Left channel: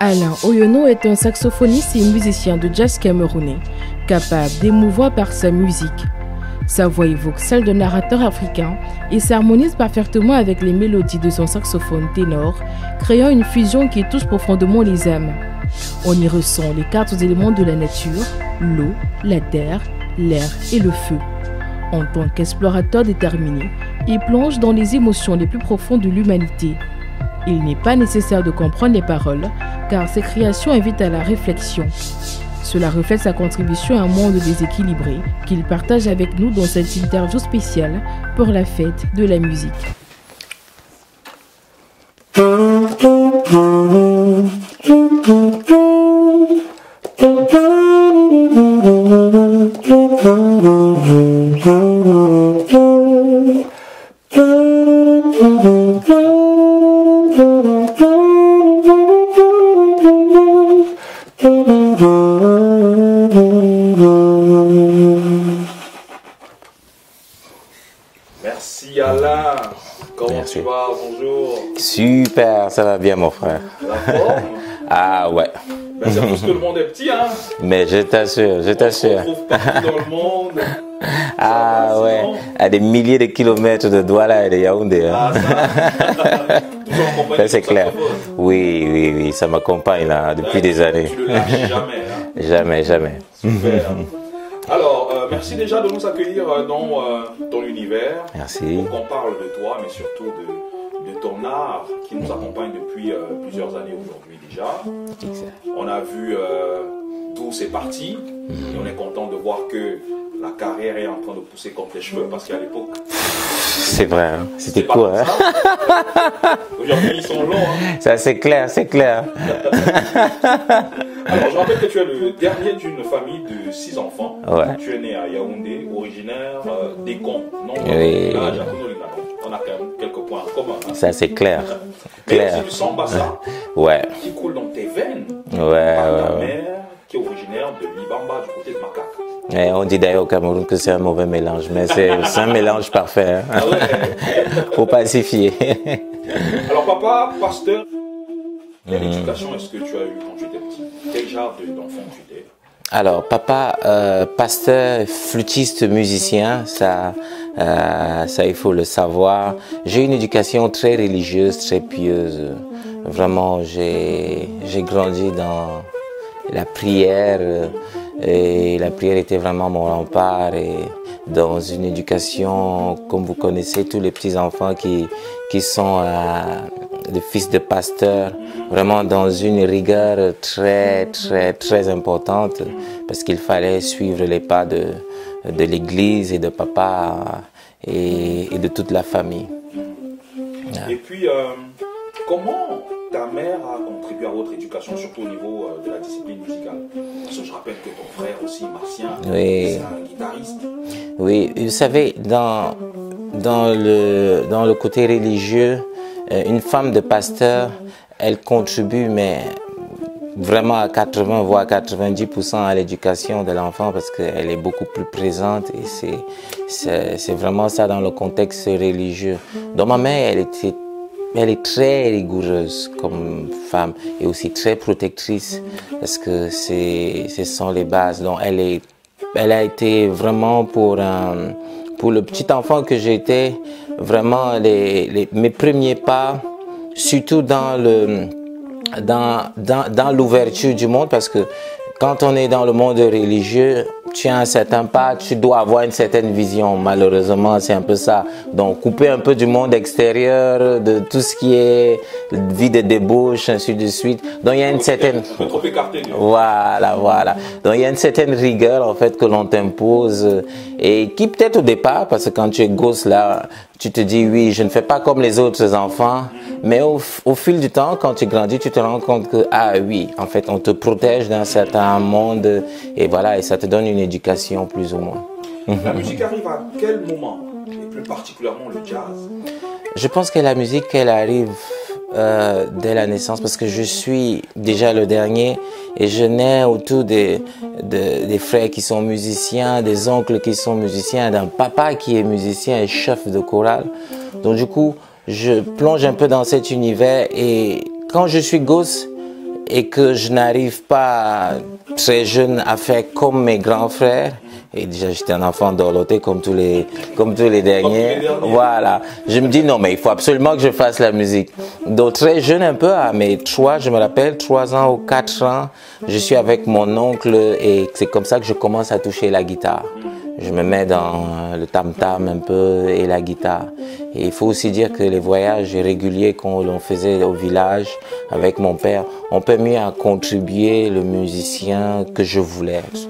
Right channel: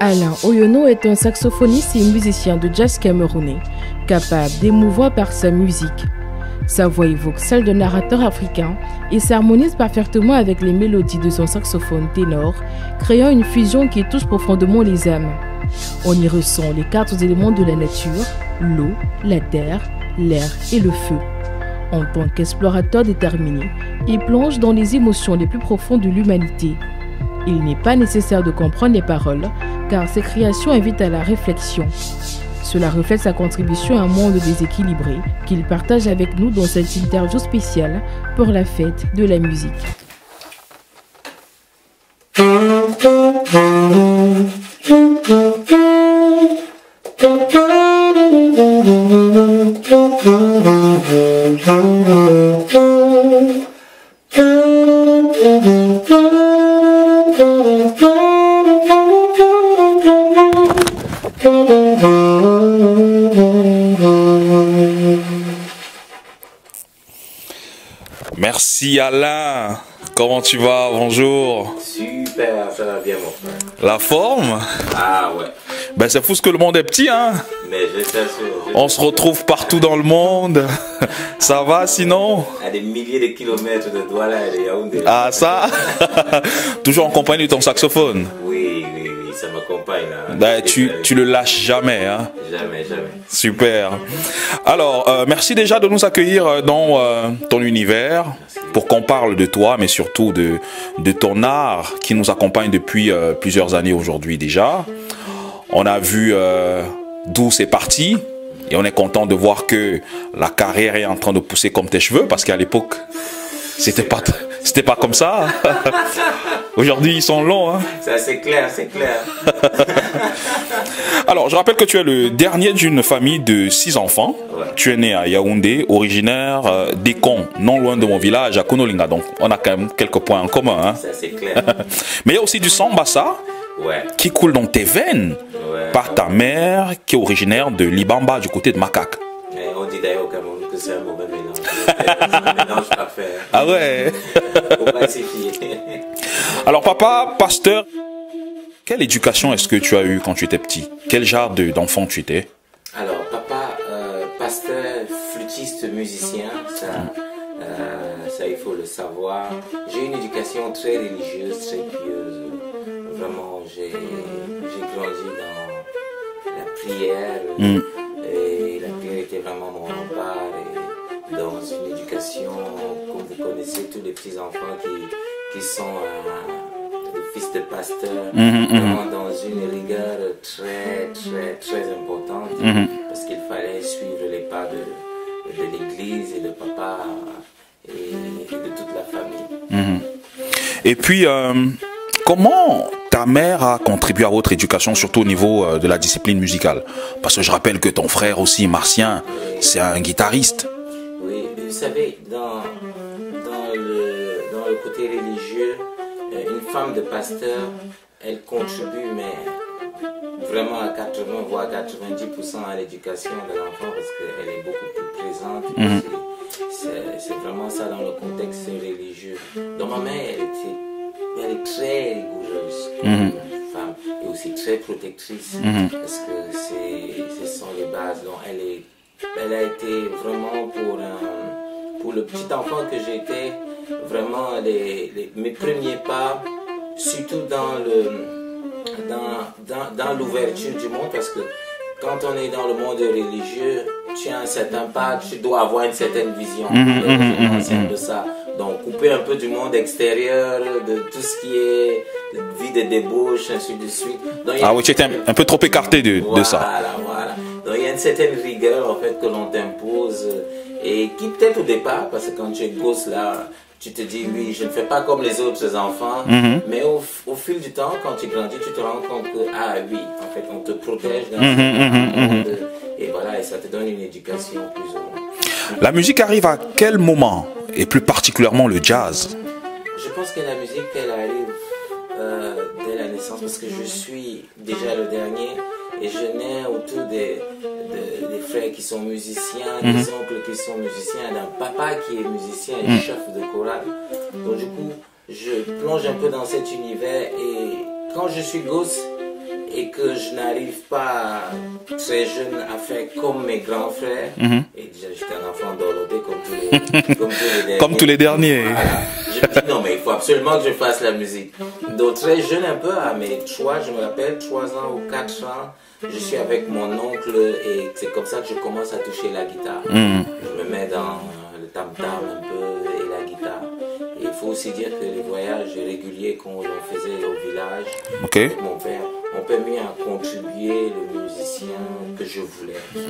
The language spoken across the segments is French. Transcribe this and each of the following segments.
Alain Oyono est un saxophoniste et musicien de jazz camerounais, capable d'émouvoir par sa musique. Sa voix évoque celle d'un narrateur africain et s'harmonise parfaitement avec les mélodies de son saxophone ténor, créant une fusion qui touche profondément les âmes. On y ressent les 4 éléments de la nature, l'eau, la terre, l'air et le feu. En tant qu'explorateur déterminé, il plonge dans les émotions les plus profondes de l'humanité. Il n'est pas nécessaire de comprendre les paroles, car ses créations invitent à la réflexion. Cela reflète sa contribution à un monde déséquilibré qu'il partage avec nous dans cette interview spéciale pour la fête de la musique. Merci Alain, comment tu vas? Bonjour. Super, ça va bien mon frère. La forme? Ah ouais. Ben c'est parce que le monde est petit hein. Mais je t'assure, On se retrouve partout dans le monde. Ça va sinon? Ouais. À des milliers de kilomètres de Douala et de Yaoundé. Ah ça? Toujours en compagnie de ton saxophone? Oui, ça m'accompagne là depuis des années. Tu le lâches jamais hein? Jamais. Super. Alors, merci déjà de nous accueillir dans ton univers. Merci. Pour qu'on parle de toi, mais surtout de ton art qui nous accompagne depuis plusieurs années aujourd'hui déjà. On a vu d'où c'est parti et on est content de voir que la carrière est en train de pousser comme tes cheveux parce qu'à l'époque, c'était pas cool, comme ça. Aujourd'hui, ils sont longs. Hein. Ça, c'est clair. Alors, je rappelle que tu es le dernier d'une famille de 6 enfants. Ouais. Tu es né à Yaoundé, originaire d'Ekon, non loin de mon village, à Konolinga. Donc, on a quand même quelques points en commun. Hein. Ça, c'est clair. Mais il y a aussi du sambassa qui coule dans tes veines par ta mère qui est originaire de Libamba, du côté de Makak. Et on dit d'ailleurs au Cameroun que c'est un mauvais mélange, mais c'est un mélange parfait. Hein. Ah ouais. Faut pas s'y fier. Alors papa, pasteur, quelle éducation est-ce que tu as eu quand tu étais petit? Quel genre d'enfant tu étais? Alors papa, pasteur, flûtiste, musicien, ça il faut le savoir. J'ai une éducation très religieuse, très pieuse. Vraiment, j'ai grandi dans la prière. Et la prière était vraiment mon rempart et dans une éducation, comme vous connaissez, tous les petits-enfants qui sont des fils de pasteurs, vraiment dans une rigueur très importante parce qu'il fallait suivre les pas de l'église et de papa et de toute la famille. Et puis, comment ta mère a contribué à votre éducation, surtout au niveau de la discipline musicale? Parce que je rappelle que ton frère aussi, Martien, c'est un guitariste. Oui, vous savez, dans le côté religieux, une femme de pasteur, elle contribue, mais vraiment à 80 voire 90% à l'éducation de l'enfant parce qu'elle est beaucoup plus présente. Et c'est vraiment ça dans le contexte religieux. Donc ma mère, elle est très rigoureuse comme femme et aussi très protectrice parce que ce sont les bases. Donc elle a été vraiment pour le petit enfant que j'étais, vraiment mes premiers pas, surtout dans l'ouverture du monde parce que quand on est dans le monde religieux, tu as un certain pas, tu dois avoir une certaine vision. Malheureusement, c'est un peu ça. Donc, couper un peu du monde extérieur, de tout ce qui est vie de débauche, ainsi de suite. Donc, il y a une certaine... un peu trop écarté de ça. Voilà. Donc, il y a une certaine rigueur, en fait, que l'on t'impose et qui peut-être au départ, parce que quand tu es gosse là, tu te dis oui, je ne fais pas comme les autres enfants, mais au fil du temps, quand tu grandis, tu te rends compte que ah oui, en fait, on te protège d'un certain monde et voilà, et ça te donne une éducation plus ou moins. La musique arrive à quel moment et plus particulièrement le jazz? Je pense que la musique, elle arrive dès la naissance parce que je suis déjà le dernier et je nais autour des frères qui sont musiciens, des oncles qui sont musiciens, d'un papa qui est musicien et chef de chorale. Donc du coup, je plonge un peu dans cet univers et quand je suis gosse, et que je n'arrive pas très jeune à faire comme mes grands frères. Et déjà, j'étais un enfant dorloté comme tous les derniers. Comme tous les derniers. Voilà. Je me dis, non, mais il faut absolument que je fasse la musique. Donc, très jeune un peu, à mes 3 ans ou 4 ans, je suis avec mon oncle et c'est comme ça que je commence à toucher la guitare. Je me mets dans le tam-tam un peu et la guitare. Et il faut aussi dire que les voyages réguliers qu'on faisait au village avec mon père ont permis à contribuer le musicien que je voulais être.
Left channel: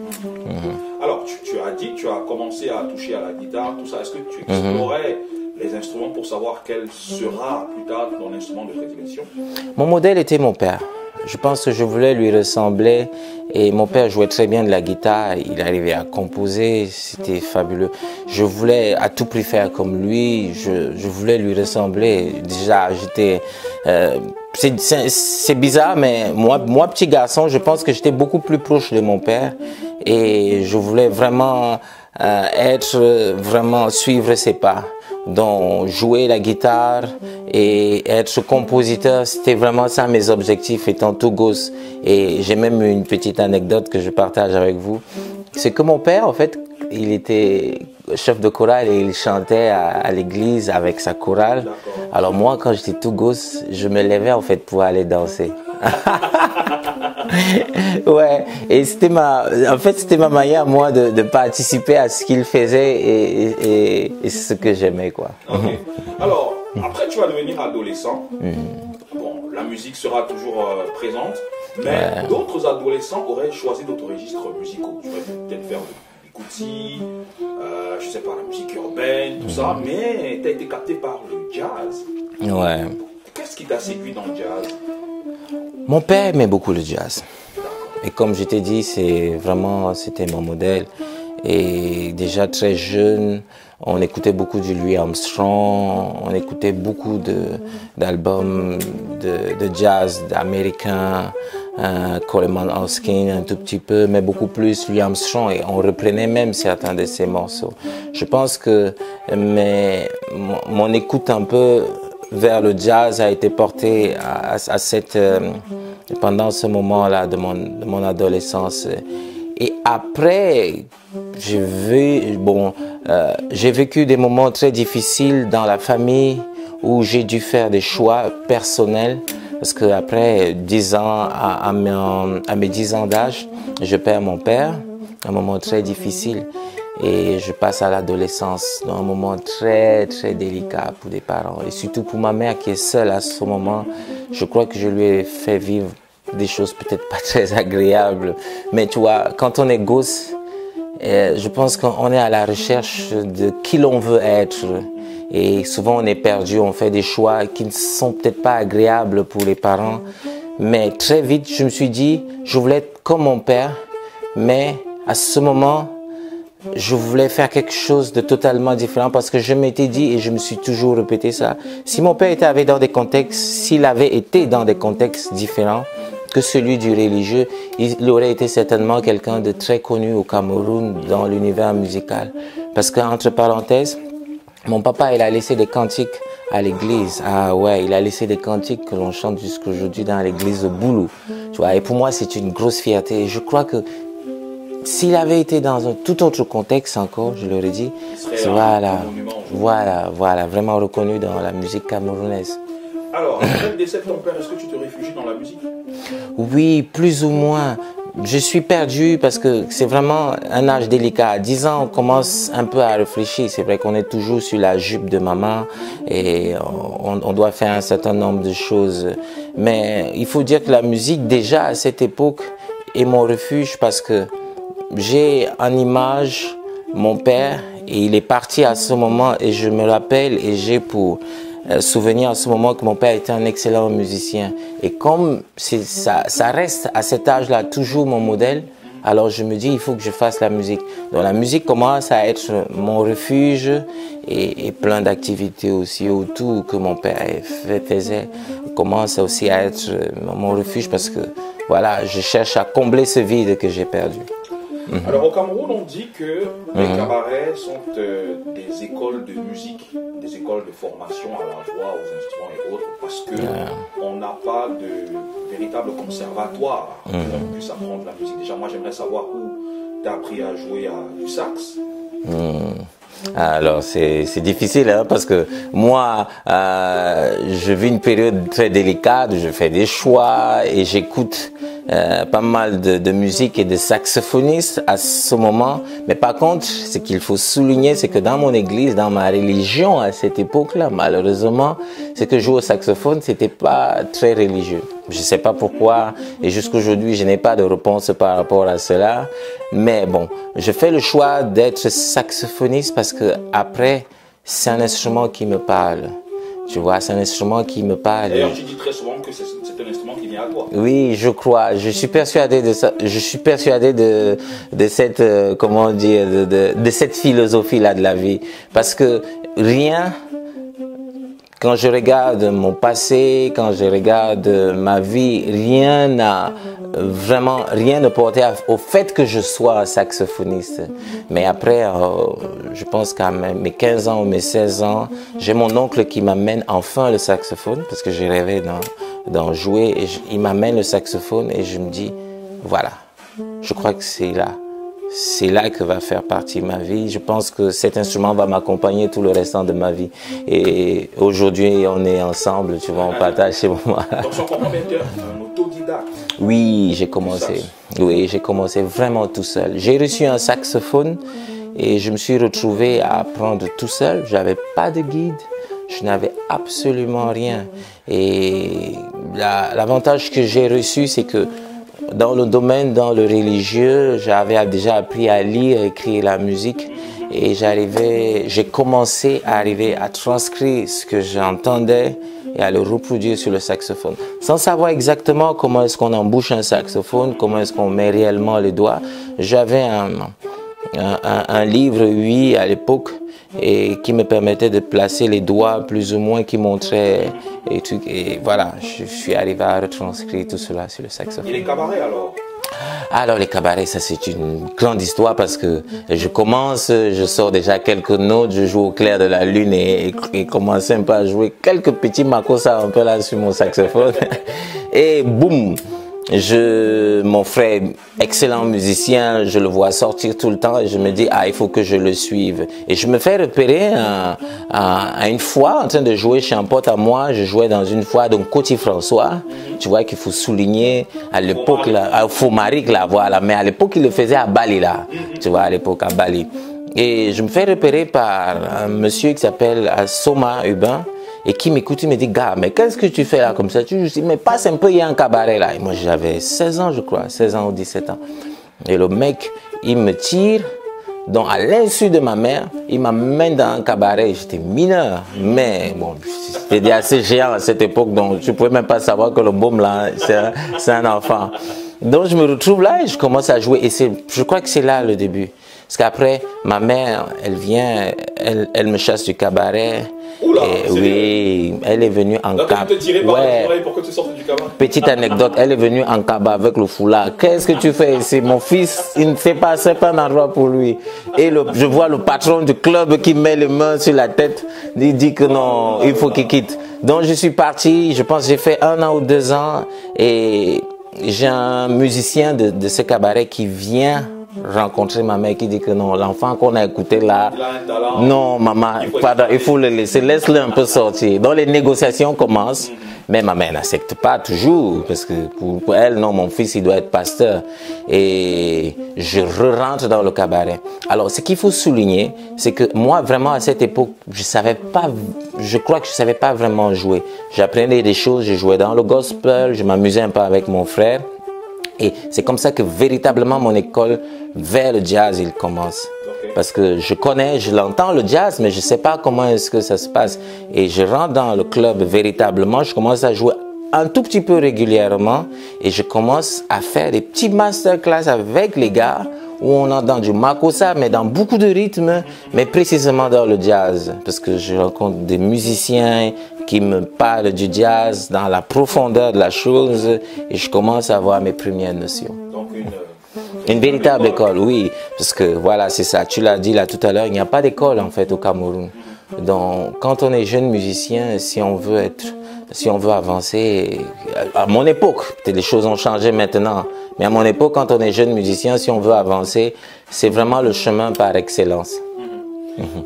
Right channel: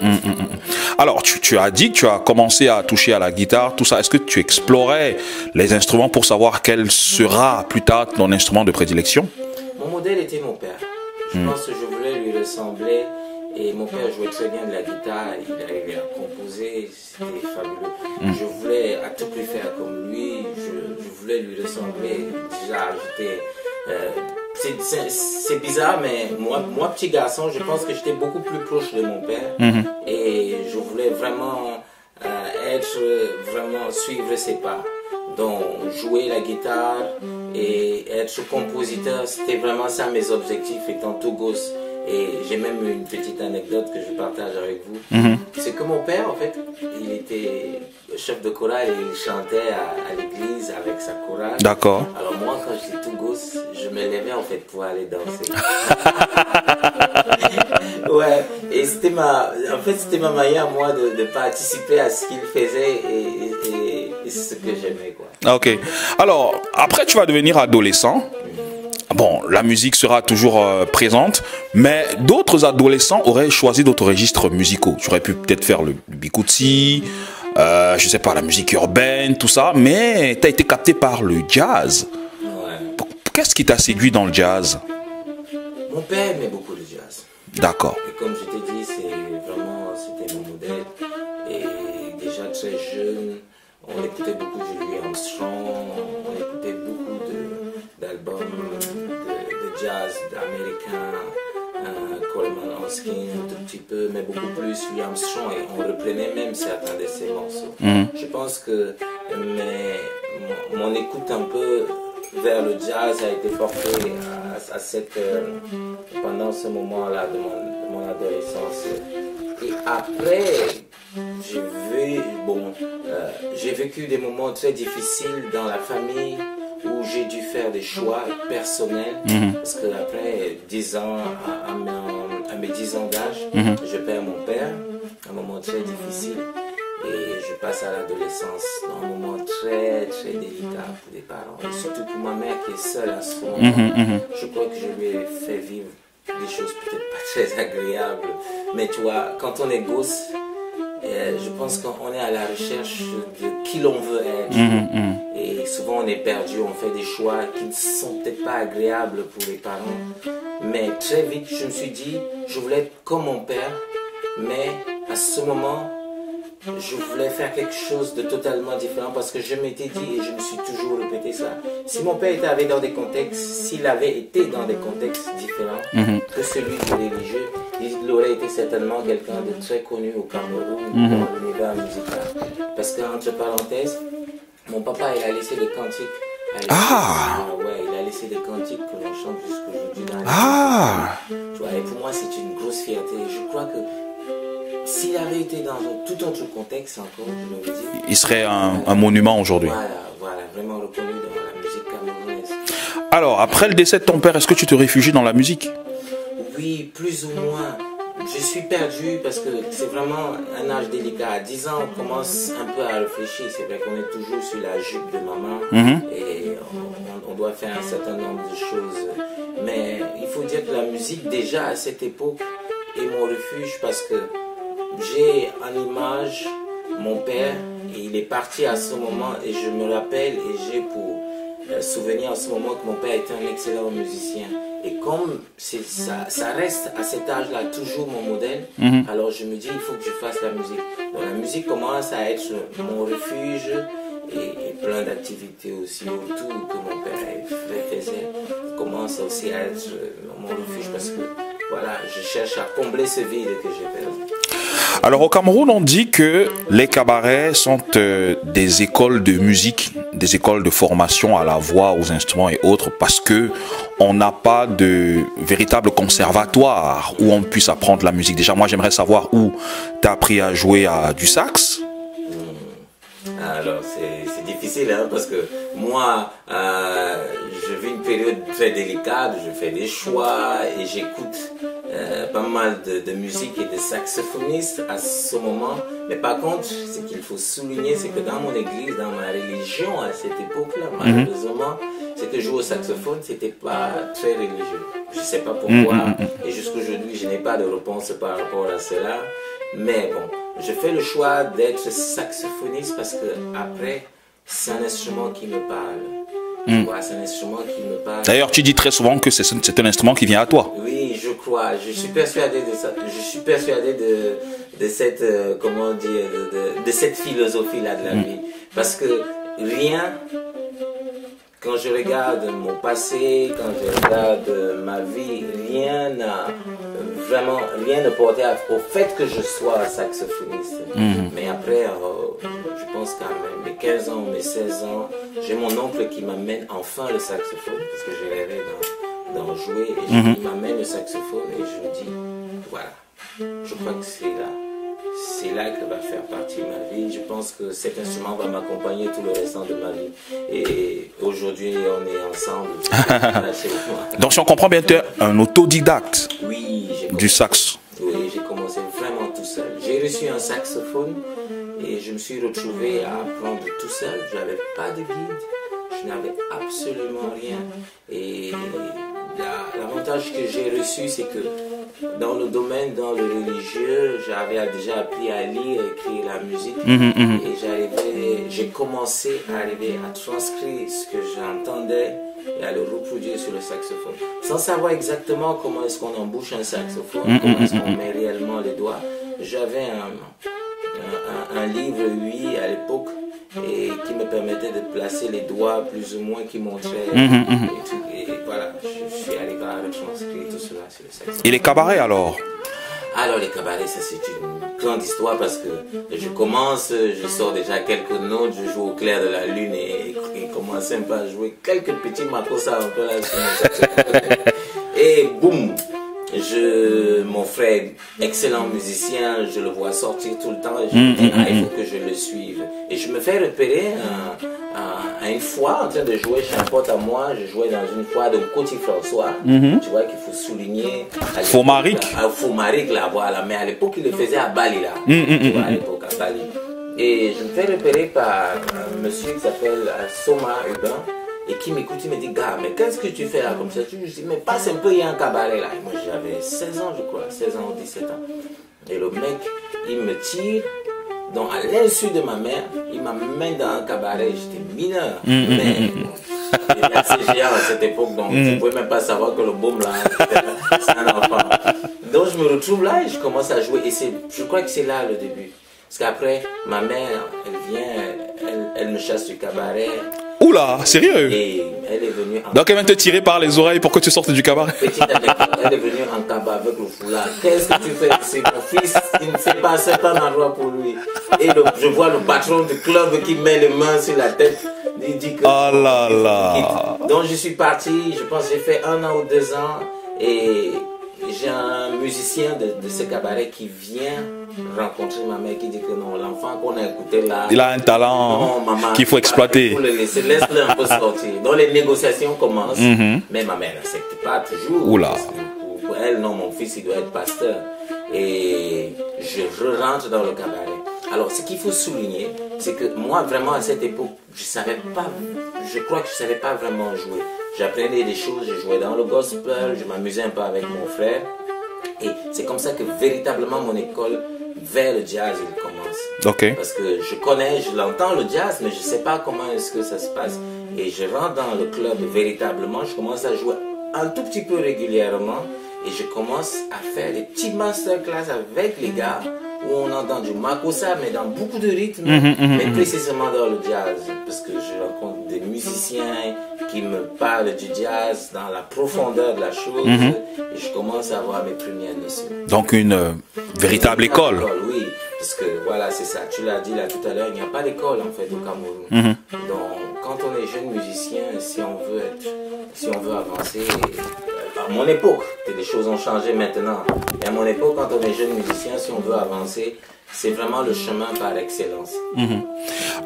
Alors, tu as dit que tu as commencé à toucher à la guitare, tout ça. Est-ce que tu explorais les instruments pour savoir quel sera plus tard ton instrument de prédilection? Mon modèle était mon père. Je pense que je voulais lui ressembler. Et mon père jouait très bien de la guitare, il arrivait à composer, c'était fabuleux. Je voulais à tout prix faire comme lui, je voulais lui ressembler. Déjà, j'étais... c'est bizarre, mais moi, petit garçon, je pense que j'étais beaucoup plus proche de mon père. Et je voulais vraiment suivre ses pas. Donc, jouer la guitare et être compositeur, c'était vraiment ça mes objectifs étant tout gosse. Et j'ai même une petite anecdote que je partage avec vous. C'est que mon père, en fait, il était chef de chorale et il chantait à l'église avec sa chorale. D'accord. Alors moi, quand j'étais tout gosse, je me levais en fait pour aller danser. Ouais, et c'était ma manière, moi, de participer à ce qu'il faisait et ce que j'aimais, quoi. Ok. Alors, après, tu vas devenir adolescent. Bon, la musique sera toujours présente, mais d'autres adolescents auraient choisi d'autres registres musicaux. Tu aurais pu peut-être faire le bikutsi, je sais pas, la musique urbaine, tout ça, mais tu as été capté par le jazz. Ouais. Qu'est-ce qui t'a séduit dans le jazz? Mon père aimait beaucoup le jazz. D'accord. Et comme je t'ai dit, c'était mon modèle. Et déjà très jeune, on écoutait beaucoup de Louis Armstrong, on écoutait beaucoup d'albums de jazz américains, Coleman Hawkins un tout petit peu, mais beaucoup plus Louis Armstrong, et on reprenait même certains de ses morceaux. Je pense que mon écoute un peu vers le jazz a été portée pendant ce moment-là de mon adolescence. Et après, j'ai vécu des moments très difficiles dans la famille où j'ai dû faire des choix personnels. Parce qu'après 10 ans, à mes 10 ans d'âge, je perds mon père, un moment très difficile. Et je passe à l'adolescence, dans un moment très, très délicat pour des parents. Et surtout pour ma mère qui est seule à ce moment. Je crois que je lui ai fait vivre des choses peut-être pas très agréables. Mais tu vois, quand on est gosse, je pense qu'on est à la recherche de qui l'on veut être. Et souvent on est perdu, on fait des choix qui ne sont peut-être pas agréables pour les parents. Mais très vite, je me suis dit, je voulais être comme mon père. Mais à ce moment, je voulais faire quelque chose de totalement différent parce que je m'étais dit, et je me suis toujours répété ça, si mon père s'il avait été dans des contextes différents que celui du religieux, il aurait été certainement quelqu'un de très connu au Cameroun dans l'univers musical. Parce qu'entre parenthèses, mon papa, il a laissé des cantiques à l'église. Ah ouais, il a laissé des cantiques que l'on chante jusqu'aujourd'hui dans l'église de Bulle. Tu vois, et pour moi, c'est une grosse fierté. Et je crois que s'il avait été dans un tout autre contexte encore, je l'aurais dit, il serait un monument aujourd'hui. Voilà, vraiment reconnu dans la musique camerounaise. Alors, après le décès de ton père, est-ce que tu te réfugies dans la musique? Oui, plus ou moins. Je suis perdu parce que c'est vraiment un âge délicat. À 10 ans, on commence un peu à réfléchir. C'est vrai qu'on est toujours sur la jupe de maman et on doit faire un certain nombre de choses. Mais il faut dire que la musique, déjà à cette époque, est mon refuge parce que j'ai en image mon père et il est parti à ce moment et je me rappelle et j'ai pour souvenir à ce moment que mon père était un excellent musicien. Et comme ça reste à cet âge-là toujours mon modèle, alors je me dis il faut que je fasse la musique. Donc la musique commence à être mon refuge et plein d'activités aussi autour que mon père faisait commence aussi à être mon refuge parce que voilà, je cherche à combler ce vide que j'ai perdu. Alors au Cameroun, on dit que les cabarets sont des écoles de musique, des écoles de formation à la voix, aux instruments et autres, parce que on n'a pas de véritable conservatoire où on puisse apprendre la musique. Déjà, moi j'aimerais savoir où tu as appris à jouer du sax. Alors c'est difficile hein, parce que moi je vis une période très délicate, je fais des choix et j'écoute pas mal de musique et de saxophonistes à ce moment. Mais par contre, ce qu'il faut souligner, c'est que dans mon église, dans ma religion à cette époque-là, malheureusement, c'est que jouer au saxophone, c'était pas très religieux. Je sais pas pourquoi et jusqu'aujourd'hui, je n'ai pas de réponse par rapport à cela. Mais bon, je fais le choix d'être saxophoniste parce que après, c'est un instrument qui me parle. Tu vois, c'est un instrument qui me parle. D'ailleurs, tu dis très souvent que c'est un instrument qui vient à toi. Oui, je crois. Je suis persuadé de ça. Je suis persuadé de cette, comment dire, de cette philosophie-là de la vie. Parce que rien, quand je regarde mon passé, quand je regarde ma vie, rien ne portait au fait que je sois un saxophoniste. Mais après, je pense qu'à mes 15 ans ou mes 16 ans, j'ai mon oncle qui m'amène enfin le saxophone, parce que j'ai rêvé d'en jouer, et il m'amène le saxophone et je me dis, voilà, je crois que c'est là que va faire partie ma vie. Je pense que cet instrument va m'accompagner tout le restant de ma vie. Et aujourd'hui, on est ensemble, tu vois, on partage chez moi. Donc, si on comprend bien, tu es un autodidacte. Oui, j'ai commencé. Du sax. Oui, j'ai commencé vraiment tout seul. J'ai reçu un saxophone et je me suis retrouvé à apprendre tout seul. J'avais pas de guide, je n'avais absolument rien. Et l'avantage que j'ai reçu, c'est que dans le religieux, j'avais déjà appris à lire, écrire la musique et j'ai commencé à arriver à transcrire ce que j'entendais et à le reproduire sur le saxophone. Sans savoir exactement comment est-ce qu'on embouche un saxophone, comment est-ce qu'on met réellement les doigts. J'avais un livre, oui, à l'époque, et qui me permettait de placer les doigts plus ou moins, qui montrait les trucs. Et voilà, je suis arrivé à retranscrire tout cela sur le saxophone. Et les cabarets alors? Alors les cabarets, ça c'est une grande histoire parce que je sors déjà quelques notes, je joue au clair de la lune et commence un peu à jouer quelques petits makossa un peu là sur mon saxophone. Et boum! Mon frère, excellent musicien, je le vois sortir tout le temps et je me dis, il faut que je le suive. Et je me fais repérer à une fois en train de jouer chez un pote à moi. Je jouais dans une fois, donc Côte François, tu vois qu'il faut souligner. À l'époque, Fomaric, là, voilà. Mais à l'époque, il le faisait à Bali, là. Tu vois, à l'époque, à Bali. Et je me fais repérer par un monsieur qui s'appelle Soma Hubin. Et qui m'écoute, il me dit, gars, mais qu'est-ce que tu fais là comme ça? Je dis, mais passe un peu, il y a un cabaret là. Et moi, j'avais 16 ans, je crois, 16 ans ou 17 ans. Et le mec, il me tire, donc à l'insu de ma mère, il m'amène dans un cabaret. J'étais mineur, mais bon, j'étais déjà assez géant à cette époque, donc tu pouvais même pas savoir que le baume là, c'est un enfant. Donc je me retrouve là et je commence à jouer. Et je crois que c'est là le début. Parce qu'après, ma mère, elle vient, elle me chasse du cabaret. Oula, sérieux? Oui, elle est venue en Donc elle vient te tirer par les oreilles pour que tu sortes du cabaret. Petite anecdote, elle est venue en cabas avec le foulard. Qu'est-ce que tu fais ici? Mon fils, il ne sait pas, c'est pas un endroit pour lui. Et je vois le patron du club qui met les mains sur la tête. Il dit que non, il faut qu'il quitte. Donc je suis parti, je pense que j'ai fait 1 an ou 2 ans. Et j'ai un musicien de ce cabaret qui vient rencontrer ma mère, qui dit que non, l'enfant qu'on a écouté là, il a un talent, non maman, qu'il faut exploiter. Il faut le laisser, laisse-le un peu sortir. Donc les négociations commencent, mais ma mère n'accepte pas toujours. Parce que pour elle, non, mon fils il doit être pasteur. Et je rentre dans le cabaret. Alors ce qu'il faut souligner, c'est que moi vraiment à cette époque, je crois que je savais pas vraiment jouer. J'apprenais des choses, je jouais dans le gospel, je m'amusais un peu avec mon frère. Et c'est comme ça que véritablement mon école vers le jazz il commence. Parce que je l'entends le jazz, mais je sais pas comment est-ce que ça se passe. Et je rentre dans le club véritablement, je commence à jouer un tout petit peu régulièrement et je commence à faire des petits masterclass avec les gars où on entend du makossa, mais dans beaucoup de rythmes, mais précisément dans le jazz. Parce que je rencontre des musiciens qui me parle du jazz dans la profondeur de la chose et je commence à avoir mes premières notions. Donc une véritable école. Oui, parce que voilà, c'est ça. Tu l'as dit là tout à l'heure, il n'y a pas d'école en fait au Cameroun. Donc quand on est jeune musicien, si on veut avancer, à mon époque, peut-être les choses ont changé maintenant, mais à mon époque, quand on est jeune musicien, si on veut avancer, c'est vraiment le chemin par excellence.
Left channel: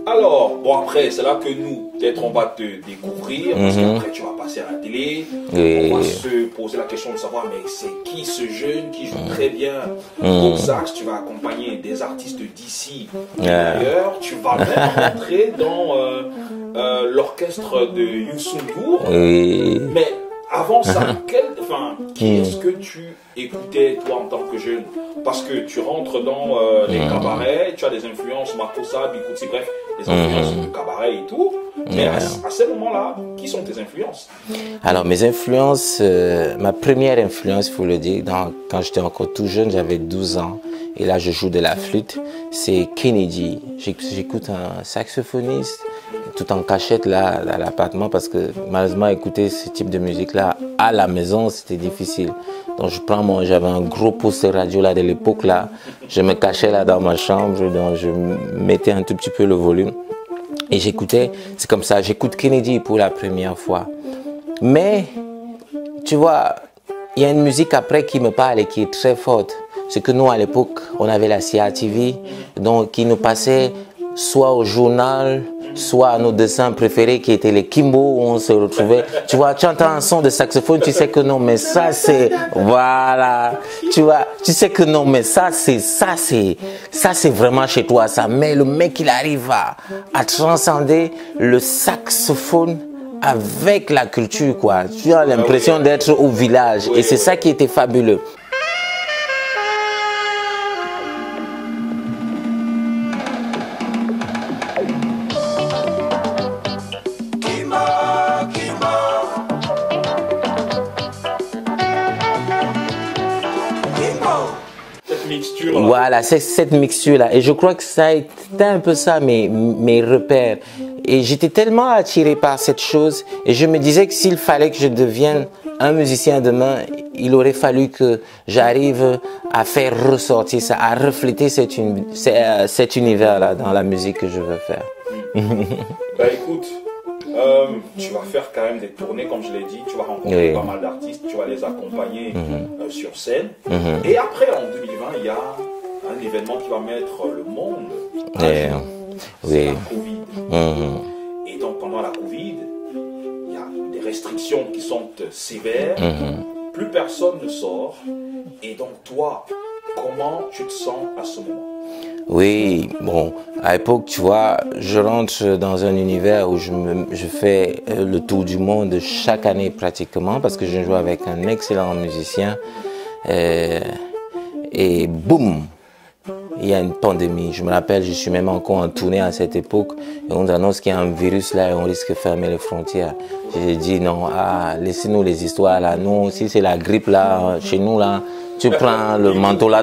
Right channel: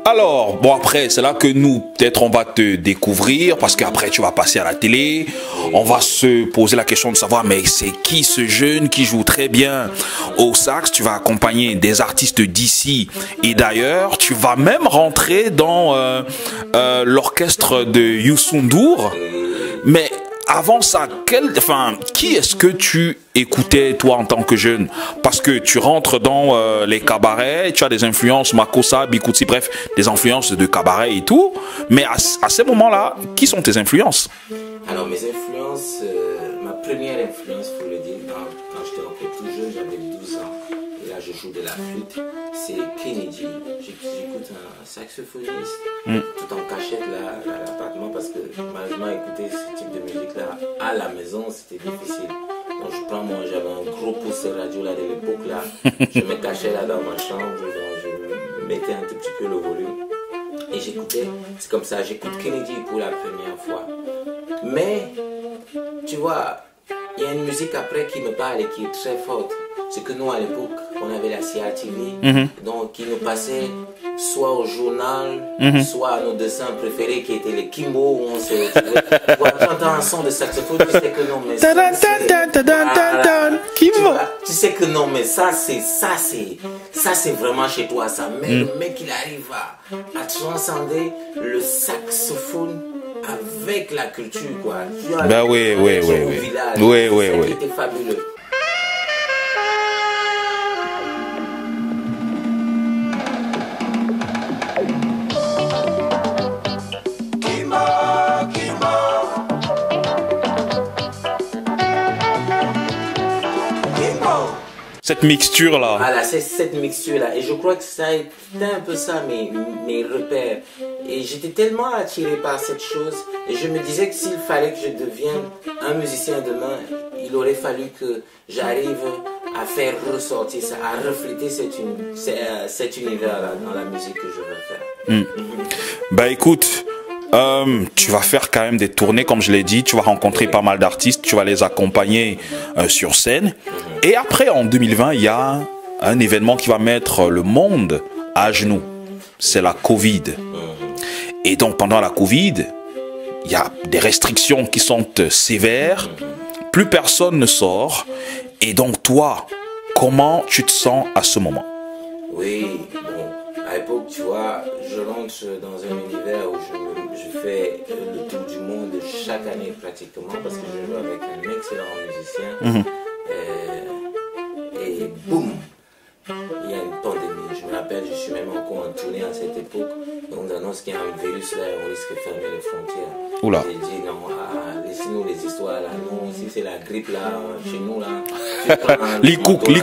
Alors, bon après, c'est là que nous, peut-être on va te découvrir, parce qu'après tu vas passer à la télé, on va se poser la question de savoir, mais c'est qui ce jeune qui joue très bien au sax? Tu vas accompagner des artistes d'ici et d'ailleurs, tu vas même rentrer dans l'orchestre de Youssou N'Dour, mais avant ça, qui est-ce que tu écoutais toi en tant que jeune? Parce que tu rentres dans les cabarets, tu as des influences Makossa, Bikutsi, bref, des influences de cabaret et tout. Mais à ces moments-là, qui sont tes influences? Alors mes influences, ma première influence, il faut le dire, quand j'étais encore tout jeune, j'avais 12 ans. Et là, je joue de la flûte. C'est Kennedy. J'écoute un saxophoniste tout en cachette là à l'appartement parce que malheureusement écouter ce type de musique là à la maison c'était difficile. Donc j'avais un gros poster radio là de l'époque là. Je me cachais là dans ma chambre, donc je mettais un tout petit peu le volume et j'écoutais. C'est comme ça, j'écoute Kennedy pour la première fois. Mais tu vois, il y a une musique après qui me parle et qui est très forte. C'est que nous, à l'époque, on avait la CRTV, donc qui nous passait soit au journal, soit à nos dessins préférés qui étaient les Kimbo, où on se retrouvait. Tu vois, tu entends un son de saxophone, tu sais que non, mais ça c'est... Voilà. Tu vois, tu sais que non, mais ça c'est vraiment chez toi, ça. Mais le mec, il arrive à transcender le saxophone avec la culture, quoi. Tu as l'impression d'être au village. Et c'est ça qui était fabuleux. Cette mixture là. Voilà, c'est cette mixture là. Et je crois que ça a été un peu ça mes repères. Et j'étais tellement attiré par cette chose. Et je me disais que s'il fallait que je devienne un musicien demain, il aurait fallu que j'arrive à faire ressortir ça, à refléter cet univers là dans la musique que je veux faire. Ben écoute, tu vas faire quand même des tournées, comme je l'ai dit, tu vas rencontrer pas mal d'artistes, tu vas les accompagner sur scène. Et après, en 2020, il y a un événement qui va mettre le monde à genoux. C'est la Covid. Et donc, pendant la Covid, il y a des restrictions qui sont sévères. Plus personne ne sort. Et donc, toi, comment tu te sens à ce moment? Oui, bon, à l'époque, tu vois, je rentre dans un univers où je fais le tour du monde chaque année pratiquement parce que je joue avec un excellent musicien. Et boum, il y a une pandémie. Je me rappelle, je suis même encore en tournée à cette époque et on annonce qu'il y a un virus là et on risque de fermer les frontières. J'ai dit non, laissez-nous les histoires là. Nous, si c'est la grippe là, chez nous là, tu prends le manteau là,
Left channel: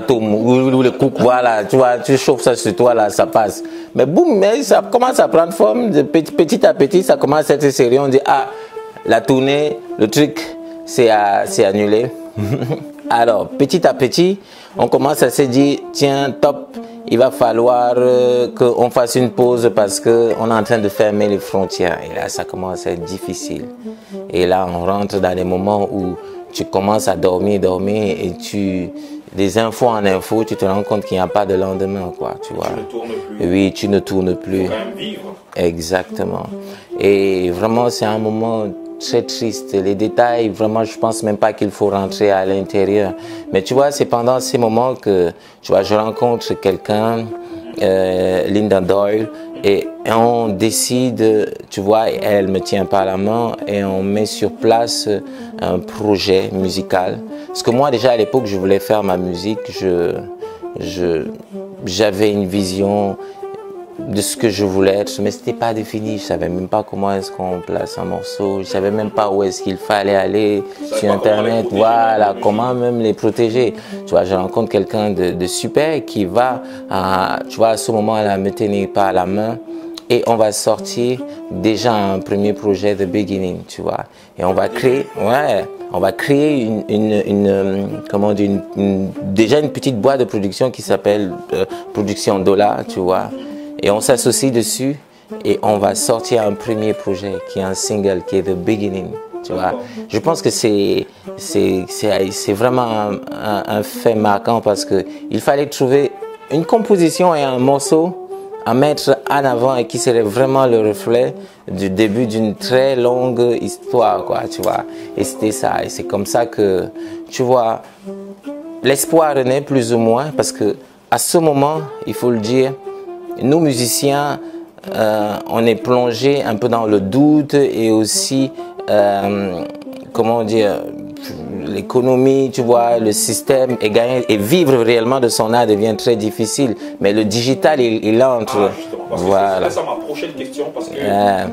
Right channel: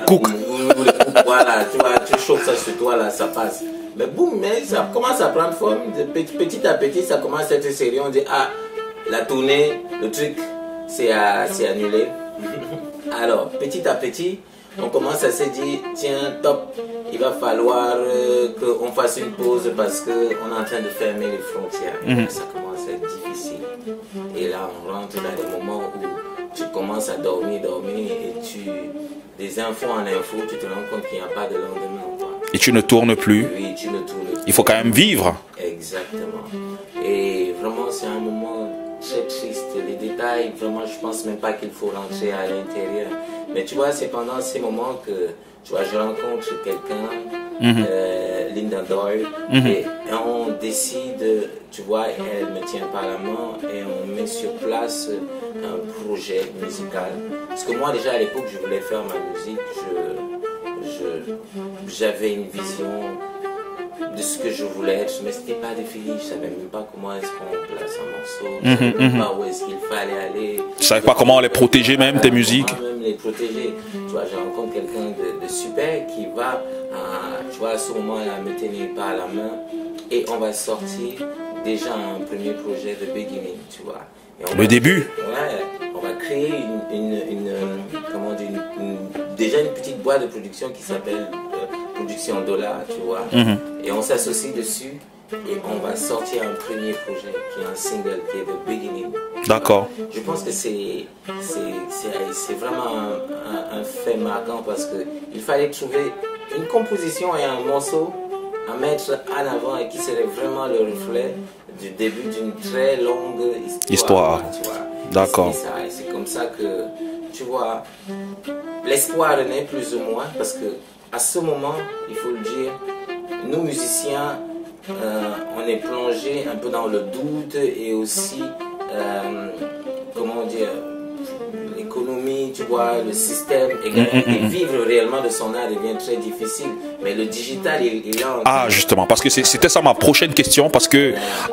voilà, tu vois, tu chauffes ça sur toi là, ça passe. Mais boum, mais ça commence à prendre forme, petit à petit, ça commence à être sérieux. On dit, la tournée, le truc, c'est annulé. Alors, petit à petit, on commence à se dire, tiens, top, il va falloir qu'on fasse une pause parce qu'on est en train de fermer les frontières. Et là, ça commence à être difficile. Et là, on rentre dans des moments où tu commences à dormir et des infos en infos, tu te rends compte qu'il n'y a pas de lendemain, quoi. Tu ne tournes plus. Oui, tu ne tournes plus. Il faut quand même vivre. Exactement. Et vraiment, c'est un moment très triste. Les détails, vraiment, je pense même pas qu'il faut rentrer à l'intérieur. Mais tu vois, c'est pendant ces moments que, tu vois, je rencontre quelqu'un, Linda Doyle, et on décide, tu vois, elle me tient par la main et on met sur place un projet musical. Parce que moi, déjà à l'époque, je voulais faire ma musique. J'avais une vision de ce que je voulais être, mais c'était pas défini. Je savais même pas comment est-ce qu'on place un morceau. Je savais même pas où est-ce qu'il fallait aller. Je savais pas comment les protéger, voilà, même tes musiques. Comment même les protéger. Tu vois, je rencontre quelqu'un de super qui va, tu vois, à ce moment-là, me tenir par la main et on va sortir déjà un premier projet de beginning, tu vois. Et on va début. Ouais, on va créer comment dire, déjà une petite boîte de production qui s'appelle Production Dollar, tu vois. Et on s'associe dessus et on va sortir un premier projet qui est un single, qui est The Beginning. D'accord. Je pense que c'est vraiment un fait marquant parce qu'il fallait trouver une composition et un morceau à mettre en avant et qui serait vraiment le reflet du début d'une très longue histoire. Quoi, tu vois. D'accord. Et c'était ça. Et c'est comme ça que, tu vois, l'espoir renaît plus ou moins parce que à ce moment, il faut le dire, nous musiciens, on est plongé un peu dans le doute et aussi, comment dire, l'économie, tu vois, le système et vivre réellement de son art devient très difficile. Mais le digital, il entre. Ah, justement, parce que voilà. c'était ça ma prochaine question, parce que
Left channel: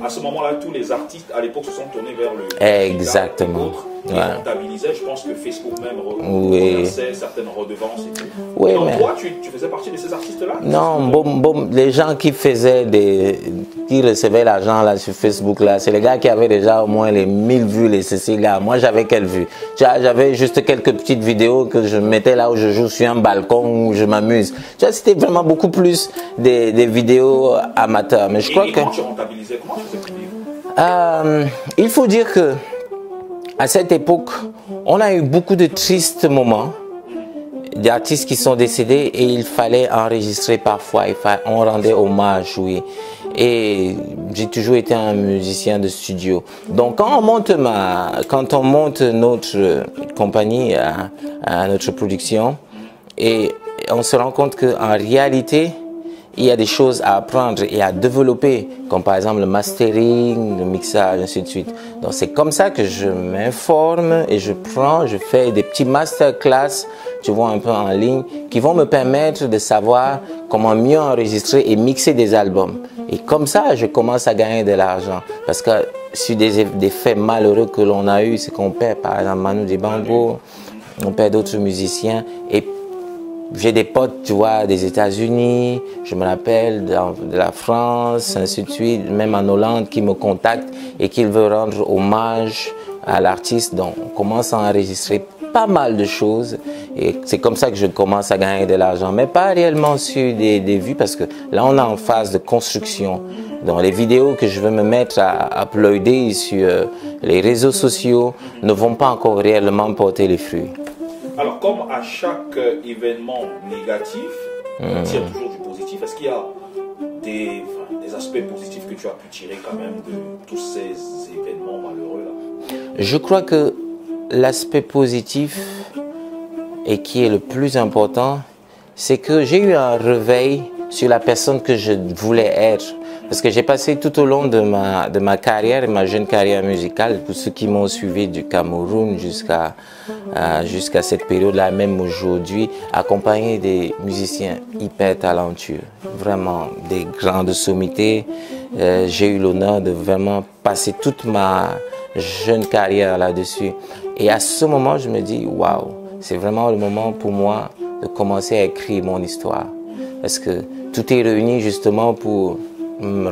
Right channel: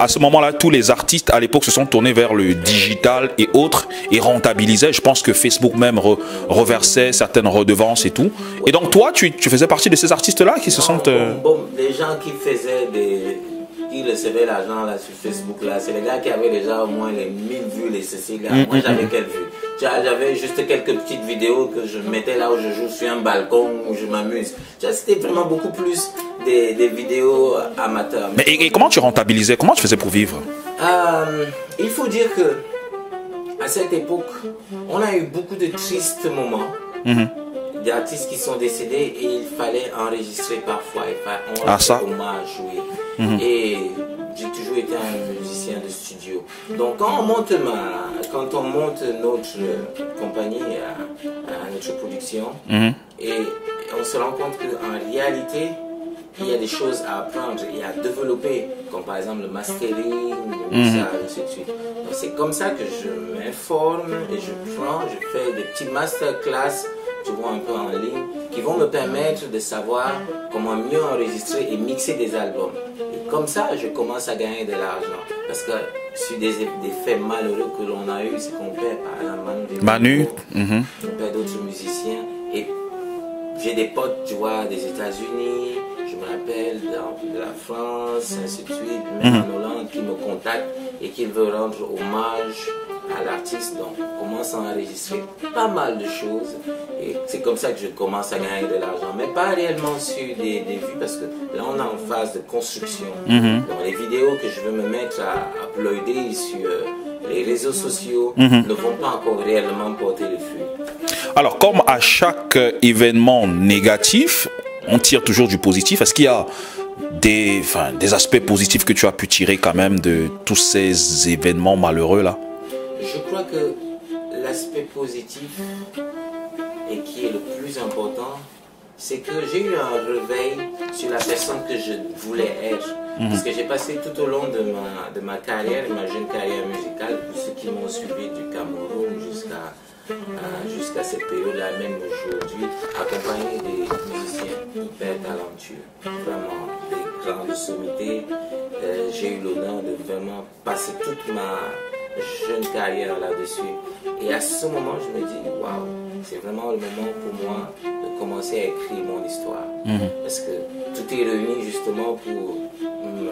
à ce moment-là, tous les artistes à l'époque se sont tournés vers le digital et autres et rentabilisaient. Je pense que Facebook même reversait certaines redevances et tout. Et donc toi, tu faisais partie de ces artistes-là qui se sont... Les gens qui faisaient qui recevaient l'argent là sur Facebook là, c'est les gars qui avaient déjà au moins les 1000 vues, les ceci là. Moi j'avais quelle vue? J'avais juste quelques petites vidéos que je mettais là où je joue sur un balcon où je m'amuse. C'était vraiment beaucoup plus des vidéos amateurs. Mais et comment tu rentabilisais? Comment tu faisais pour vivre? Il faut dire que à cette époque, on a eu beaucoup de tristes moments. D'artistes qui sont décédés et il fallait enregistrer parfois. On rendait hommage, oui. Et j'ai toujours été un musicien de studio. Donc quand on monte notre compagnie à notre production, et on se rend compte qu'en réalité, il y a des choses à apprendre et à développer, comme par exemple le mastering, le mixage, ainsi de suite. Donc c'est comme ça que je m'informe et je fais des petits masterclass, tu vois, un peu en ligne, qui vont me permettre de savoir comment mieux enregistrer et mixer des albums. Et comme ça, je commence à gagner de l'argent. Parce que sur des faits malheureux que l'on a eu, c'est qu'on perd par exemple Manu Dibango, on perd d'autres musiciens. Et j'ai des potes, tu vois, des États-Unis, je me rappelle de la France, ainsi de suite, même en Hollande, qui me contactent et qui veulent rendre hommage à l'artiste. Donc, on commence à enregistrer pas mal de choses et c'est comme ça que je commence à gagner de l'argent, mais pas réellement sur des vues parce que là, on est en phase de construction. Donc, les vidéos que je veux me mettre à uploader sur les réseaux sociaux ne vont pas encore réellement porter les fruits. Alors, comme à chaque événement négatif, on tire toujours du positif. Est-ce qu'il y a des aspects positifs que tu as pu tirer quand même de tous ces événements malheureux là? Je crois que l'aspect positif et qui est le plus important, c'est que j'ai eu un réveil sur la personne que je voulais être. Parce que j'ai passé tout au long de ma carrière, ma jeune carrière musicale, pour ceux qui m'ont suivi du Cameroun jusqu'à cette période-là, même aujourd'hui, accompagné des musiciens hyper talentueux, vraiment des grandes sommités. J'ai eu l'honneur de vraiment passer toute ma jeune carrière là-dessus. Et à ce moment, je me dis, waouh, c'est vraiment le moment pour moi de commencer à écrire mon histoire. Parce que tout est réuni justement pour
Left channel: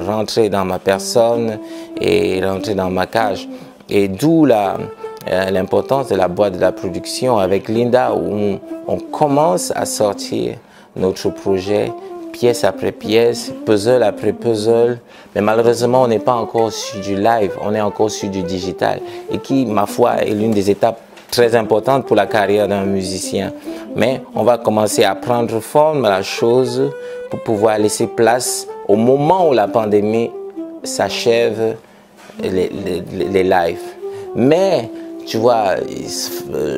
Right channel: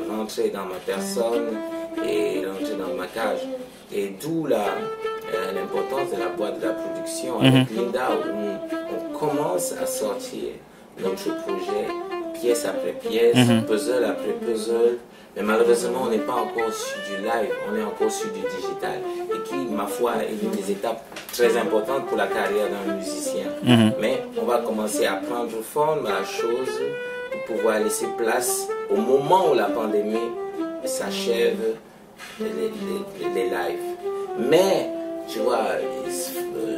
rentrer dans ma personne et rentrer dans ma cage. Et d'où l'importance de la boîte de la production avec Linda, où on commence à sortir notre projet pièce après pièce, puzzle après puzzle. Mais malheureusement, on n'est pas encore sur du live, on est encore sur du digital. Et qui, ma foi, est l'une des étapes très importantes pour la carrière d'un musicien. Mais on va commencer à prendre forme à la chose pour pouvoir laisser place au moment où la pandémie s'achève, les lives. Mais, tu vois,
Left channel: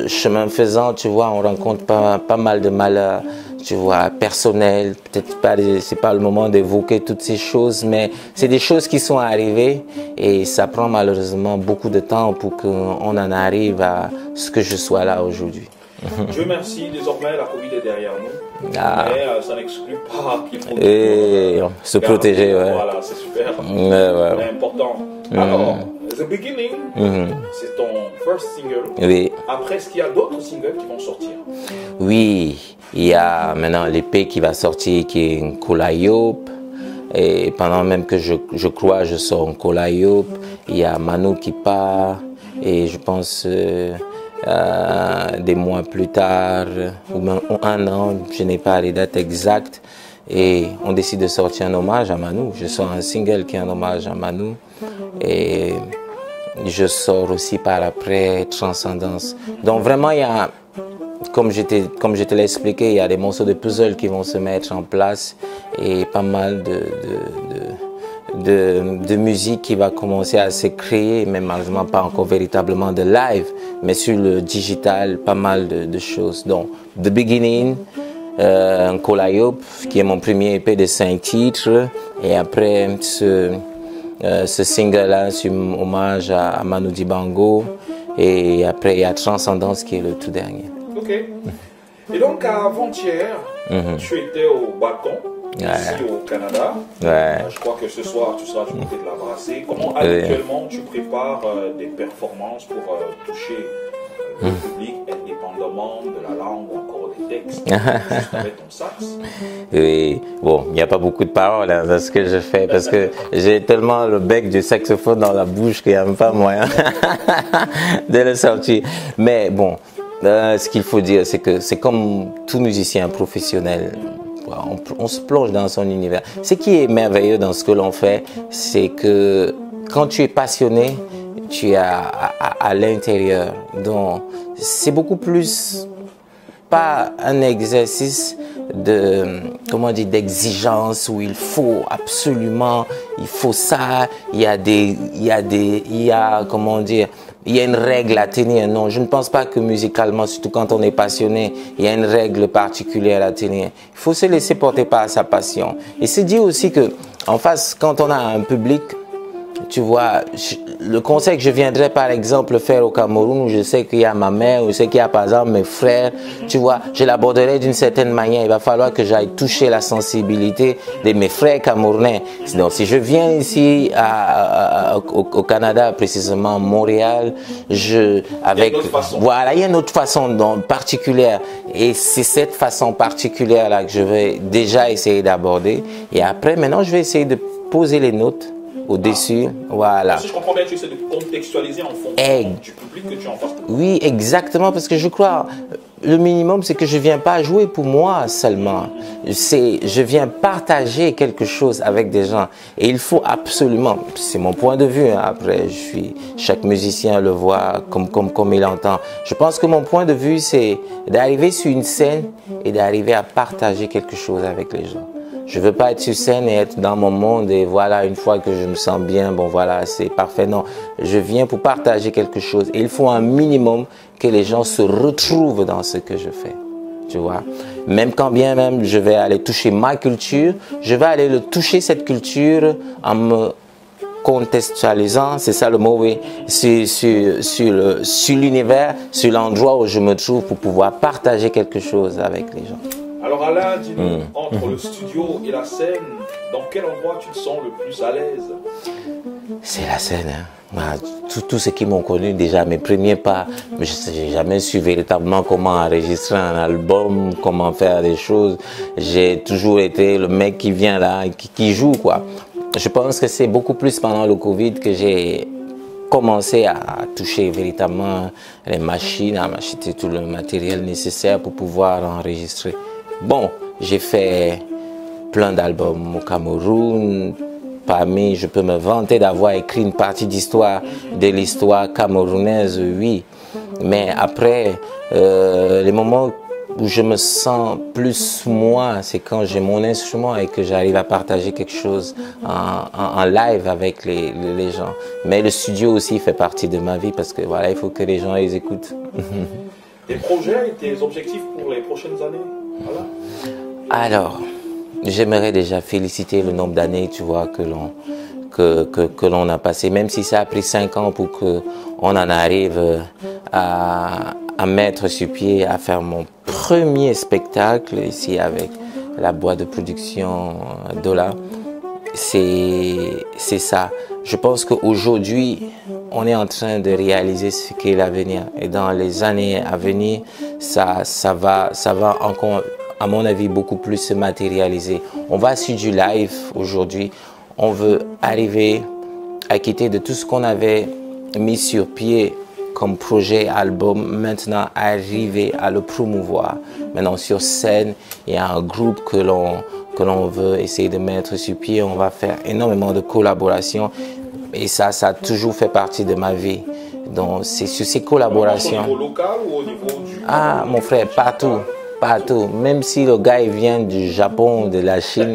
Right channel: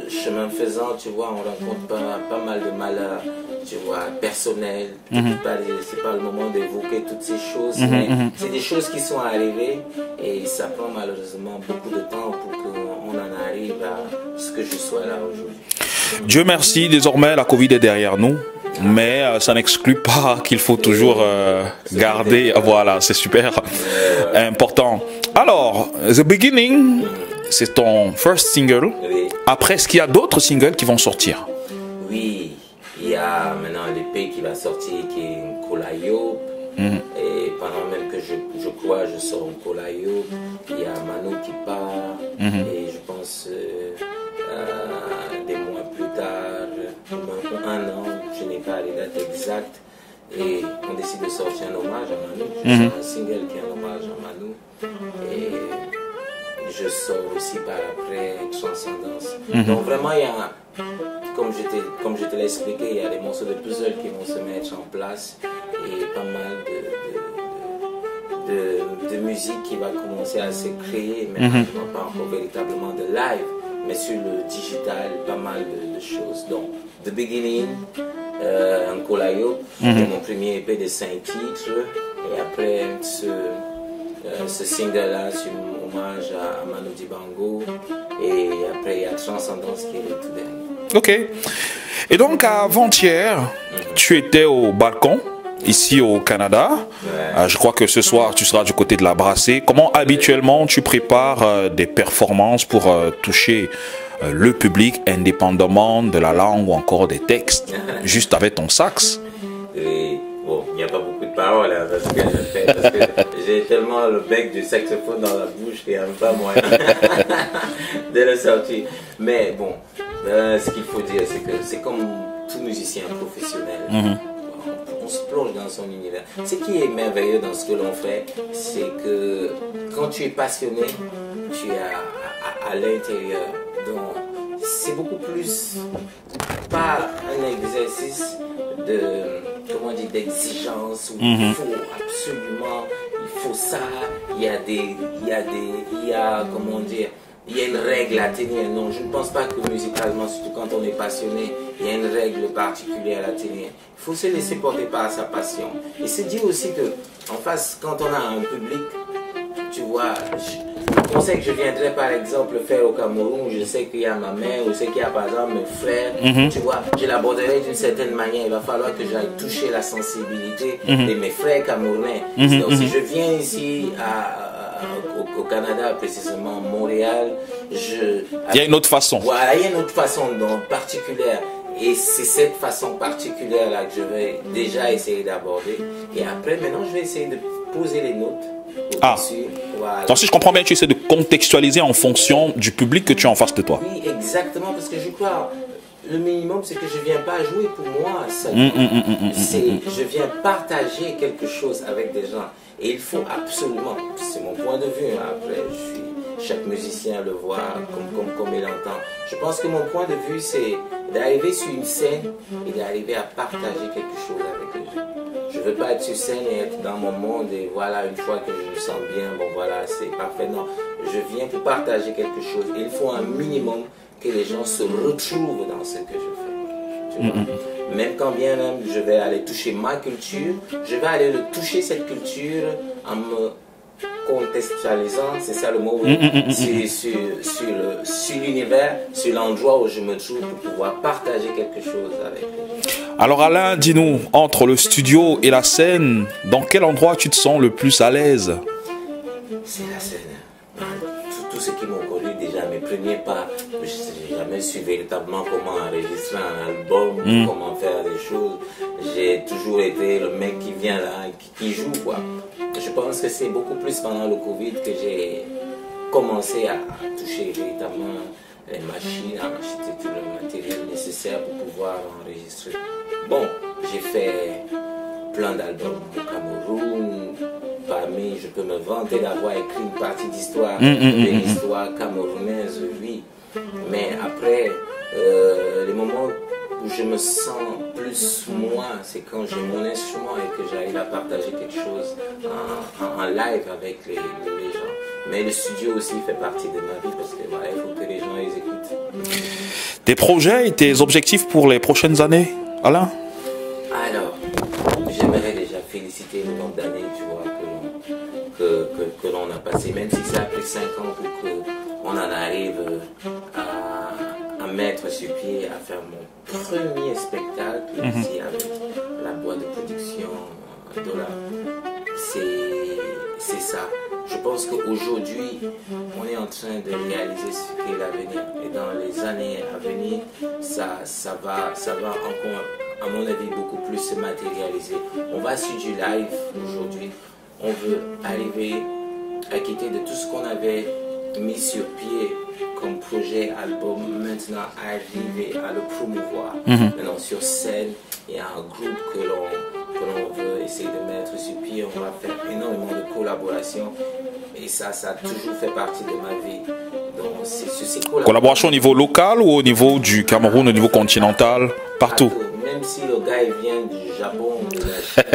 chemin faisant, tu vois, on rencontre pas mal de malheurs, tu vois, personnels. Peut-être pas, c'est pas le moment d'évoquer toutes ces choses, mais c'est des choses qui sont arrivées et ça prend malheureusement beaucoup de temps pour qu'on en arrive à ce que je sois là aujourd'hui. Dieu merci, désormais la Covid est derrière nous, mais ça n'exclut pas qu'il faut toujours garder, protéger, voilà, c'est super important. Alors, The Beginning, c'est ton first single. Oui. Après, est-ce qu'il y a d'autres singles qui vont sortir? Oui, il y a maintenant l'EP qui va sortir, qui est Kolayop. Et pendant même que je crois, je sors Nkola Yop, il y a Manu qui part, et je pense des mois plus tard, ou même un an, je n'ai pas les dates exactes, et on décide de sortir un hommage à Manu. Je sors un single qui est un hommage à Manu, et je sors aussi par après Transcendance. Donc vraiment, il y a, comme je te l'ai expliqué, il y a des morceaux de puzzle qui vont se mettre en place et pas mal de musique qui va commencer à se créer, mais malheureusement pas encore véritablement de live, mais sur le digital, pas mal de choses. Donc, The Beginning, Nkola Yop, qui est mon premier EP de 5 titres, et après ce single-là, c'est un hommage à Manu Dibango. Et après, il y a Transcendance qui est le tout dernier. Ok. Et donc, avant-hier, tu étais au balcon, ici au Canada. Je crois que ce soir, tu seras du côté de la Brassée. Comment habituellement tu prépares des performances pour toucher le public, indépendamment de la langue ou encore des textes, juste avec ton sax? Et bon, il n'y a pas beaucoup de paroles dans ce que je fais parce que j'ai tellement le bec du saxophone dans la bouche qu'il n'y a même pas moyen de le sortir. Mais bon, ce qu'il faut dire, c'est que c'est comme tout musicien professionnel. On se plonge dans son univers. Ce qui est merveilleux dans ce que l'on fait, c'est que quand tu es passionné, tu es à l'intérieur. Donc, c'est beaucoup plus pas un exercice comment dire, d'exigence où il faut absolument, il faut ça, il y a comment dire, il y a une règle à tenir. Non, je ne pense pas que musicalement, surtout quand on est passionné, il y a une règle particulière à tenir. Il faut se laisser porter par sa passion. Et se dire aussi que, en face, quand on a un public, tu vois, le conseil que je viendrais par exemple faire au Cameroun, où je sais qu'il y a ma mère, où je sais qu'il y a par exemple mes frères, tu vois, je l'aborderai d'une certaine manière. Il va falloir que j'aille toucher la sensibilité de mes frères camerounais. Donc si je viens ici au Canada, précisément Montréal, il y a une autre façon. Voilà, il y a une autre façon particulière. Et c'est cette façon particulière-là que je vais déjà essayer d'aborder. Et après, maintenant, je vais essayer de poser les notes au-dessus, voilà. Donc, si je comprends bien, tu essaies de contextualiser en fonction du public que tu as en face de toi. Oui, exactement, parce que je crois, le minimum, c'est que je ne viens pas jouer pour moi seulement. Je viens partager quelque chose avec des gens. Et il faut absolument, c'est mon point de vue, hein, après, chaque musicien le voit comme il entend. Je pense que mon point de vue, c'est d'arriver sur une scène et d'arriver à partager quelque chose avec les gens. Je veux pas être sur scène et être dans mon monde et voilà, une fois que je me sens bien, bon voilà, c'est parfait. Non, je viens pour partager quelque chose. Et il faut un minimum que les gens se retrouvent dans ce que je fais. Tu vois, même quand bien même je vais aller toucher ma culture, je vais aller toucher cette culture en me contextualisant, c'est ça le mot, oui, sur l'univers, sur l'endroit où je me trouve pour pouvoir partager quelque chose avec les gens. Alors Alain, dis-nous, entre le studio et la scène, dans quel endroit tu te sens le plus à l'aise? C'est la scène, hein. Tous ceux qui m'ont connu déjà, mes premiers pas, je n'ai jamais su véritablement comment enregistrer un album, comment faire des choses. J'ai toujours été le mec qui vient là, qui joue, quoi. Je pense que c'est beaucoup plus pendant le Covid que j'ai commencé à toucher véritablement les machines, à m'acheter tout le matériel nécessaire pour pouvoir enregistrer. Bon, j'ai fait plein d'albums au Cameroun. Parmi, je peux me vanter d'avoir écrit une partie d'histoire de l'histoire camerounaise, oui. Mais après, les moments où je me sens plus moi, c'est quand j'ai mon instrument et que j'arrive à partager quelque chose en live avec les gens. Mais le studio aussi fait partie de ma vie parce que voilà, il faut que les gens les écoutent. Tes projets et tes objectifs pour les prochaines années, Alain? Alors, j'aimerais déjà féliciter le nombre d'années, tu vois, que l'on a passé, même si ça a pris 5 ans pour qu'on en arrive à mettre sur pied, à faire mon premier spectacle ici avec la boîte de production Dola. C'est ça. Je pense qu'aujourd'hui, on est en train de réaliser ce qu'est l'avenir. Et dans les années à venir, ça va encore à mon avis, beaucoup plus se matérialiser. On va sur du live aujourd'hui. On veut arriver à quitter de tout ce qu'on avait mis sur pied comme projet, album, maintenant arriver à le promouvoir. Maintenant sur scène, il y a un groupe que l'on veut essayer de mettre sur pied. On va faire énormément de collaborations et ça a toujours fait partie de ma vie. Donc c'est sur ces collaborations. Collaboration au niveau local ou au niveau du Cameroun, au niveau continental? Partout. Même si le gars il vient du Japon, de la Chine,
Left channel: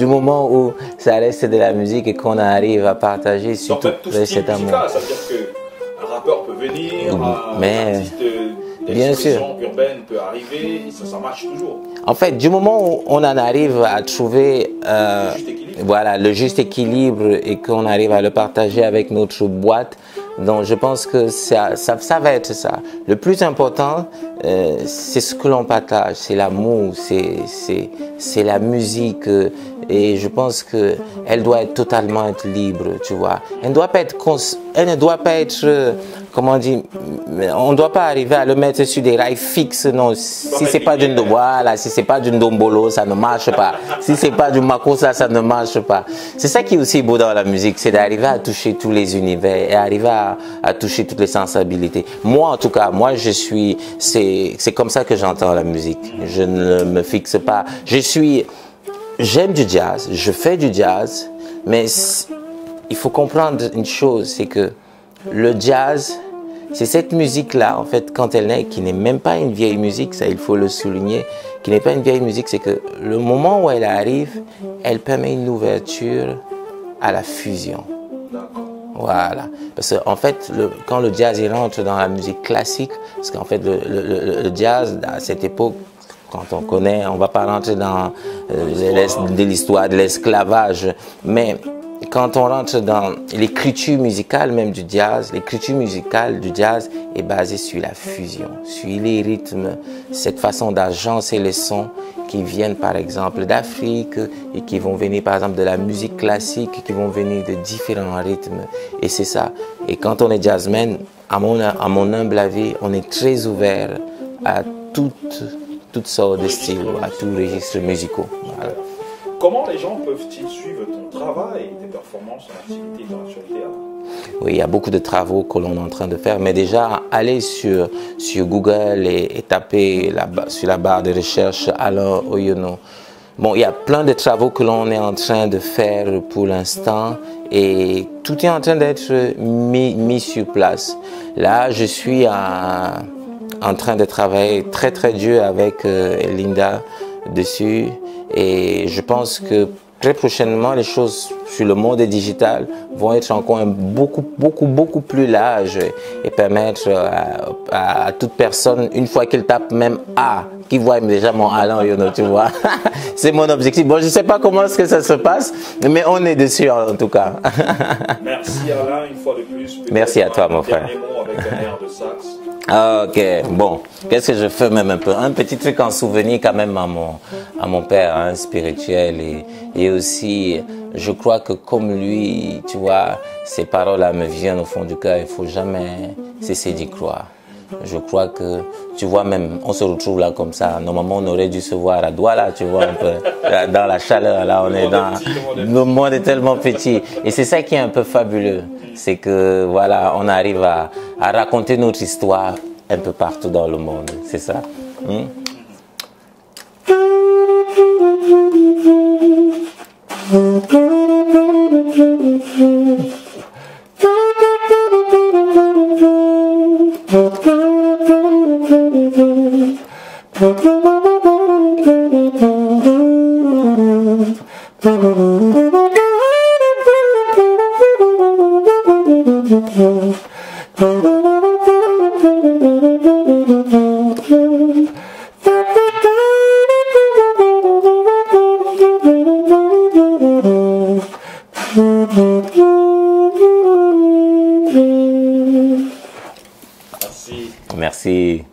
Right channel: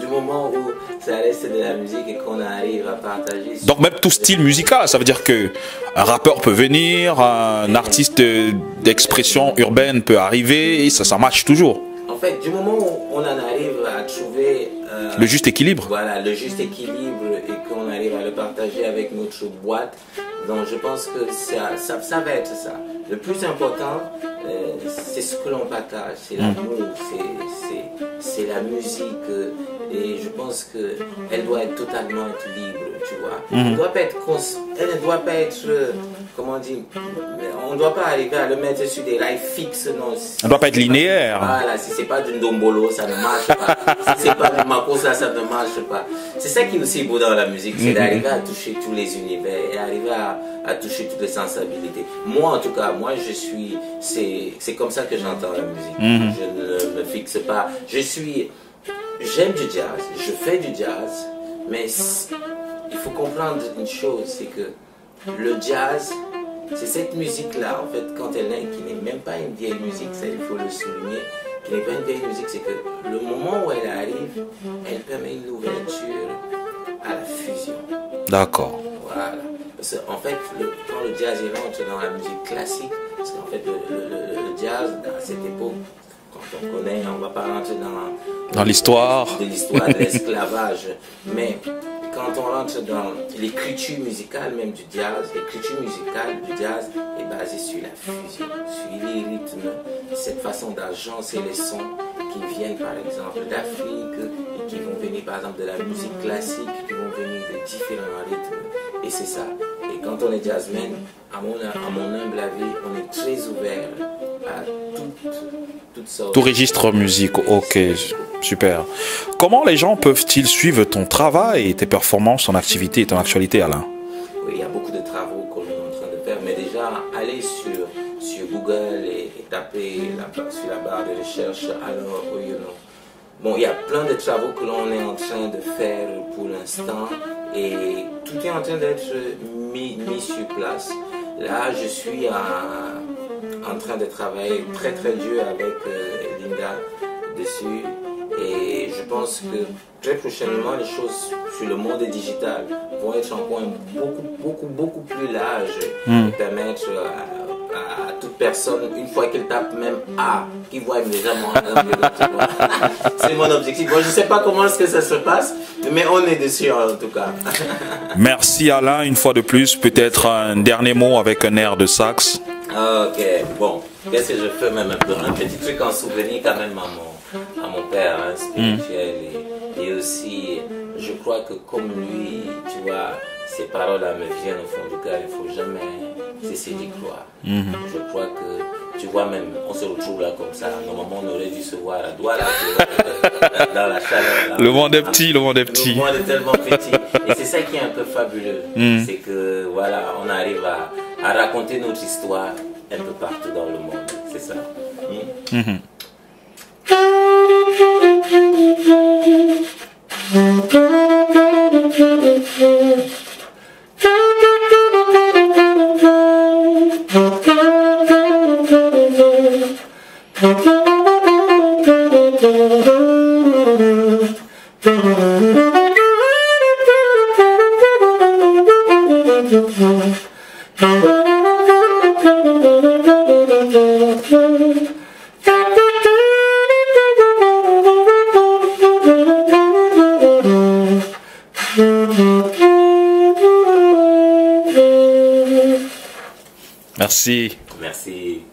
du moment où ça reste de la musique et qu'on arrive à partager. Donc même tout style musical, ça veut dire que un rappeur peut venir, un artiste d'expression urbaine peut arriver, et ça marche toujours. En fait, du moment où on en arrive à trouver le juste équilibre. Voilà, le juste équilibre et qu'on arrive à le partager avec notre boîte. Donc je pense que ça va être ça. Le plus important, c'est ce que l'on partage, c'est l'amour, c'est la musique. Et je pense qu'elle doit être totalement être libre, tu vois. Elle ne doit pas être, comment dire, on ne doit pas arriver à le mettre sur des rails fixes, non. Si c'est pas du Ndombolo, ça ne marche pas. Si c'est pas du Makossa, ça ne marche pas. C'est ça qui est aussi beau dans la musique, c'est d'arriver à toucher tous les univers et arriver à toucher toutes les sensibilités. Moi, en tout cas, c'est comme ça que j'entends la musique. Je ne me fixe pas. J'aime du jazz, je fais du jazz, mais il faut comprendre une chose, c'est que le jazz, c'est cette musique-là, en fait, quand elle naît, qui n'est même pas une vieille musique, ça il faut le souligner, qui n'est pas une vieille musique, c'est que le moment où elle arrive, elle permet une ouverture à la fusion. D'accord. Voilà. Parce qu'en fait, quand le jazz il rentre dans la musique classique, parce qu'en fait, le jazz, à cette époque, quand on connaît, on ne va pas rentrer dans l'histoire de l'esclavage, mais quand on rentre dans l'écriture musicale même du jazz, l'écriture musicale du jazz est basée sur la fusion, sur les rythmes, cette façon d'agencer les sons qui viennent par exemple d'Afrique et qui vont venir par exemple de la musique classique, qui vont venir de différents rythmes. Et c'est ça. Et quand on est jazzman, à mon humble avis, on est très ouvert à toutes sortes de registres musicaux. Ok, super. Comment les gens peuvent-ils suivre ton travail et tes performances, ton activité et ton actualité, Alain? Oui, il y a beaucoup de travaux que l'on est en train de faire, mais déjà, allez sur Google et tapez sur la barre de recherche Alain Oyono. Bon, il y a plein de travaux que l'on est en train de faire pour l'instant et tout est en train d'être mis sur place. Là, je suis en train de travailler très très dur avec Linda dessus et je pense que très prochainement les choses sur le monde digital vont être encore beaucoup plus larges et permettre à toute personne, une fois qu'elle tape même A, qui voit déjà mon Alain Oyono, tu vois. C'est mon objectif. Bon, je ne sais pas comment est-ce que ça se passe, mais on est dessus en tout cas. Merci Alain, une fois de plus. Peut-être un dernier mot avec un air de sax. Ok, bon, qu'est-ce que je fais même un peu? Un petit truc en souvenir quand même à mon père hein, spirituel et aussi, je crois que comme lui, tu vois, ces paroles-là me viennent au fond du cœur, il ne faut jamais cesser d'y croire. Je crois que, tu vois, même, on se retrouve là comme ça, normalement on aurait dû se voir à Douala, tu vois, un peu dans la chaleur. Là, le monde est petit, le monde est petit. Le monde est tellement petit. Et c'est ça qui est un peu fabuleux, c'est que, voilà, on arrive à raconter notre histoire un peu partout dans le monde, c'est ça. Merci. Merci.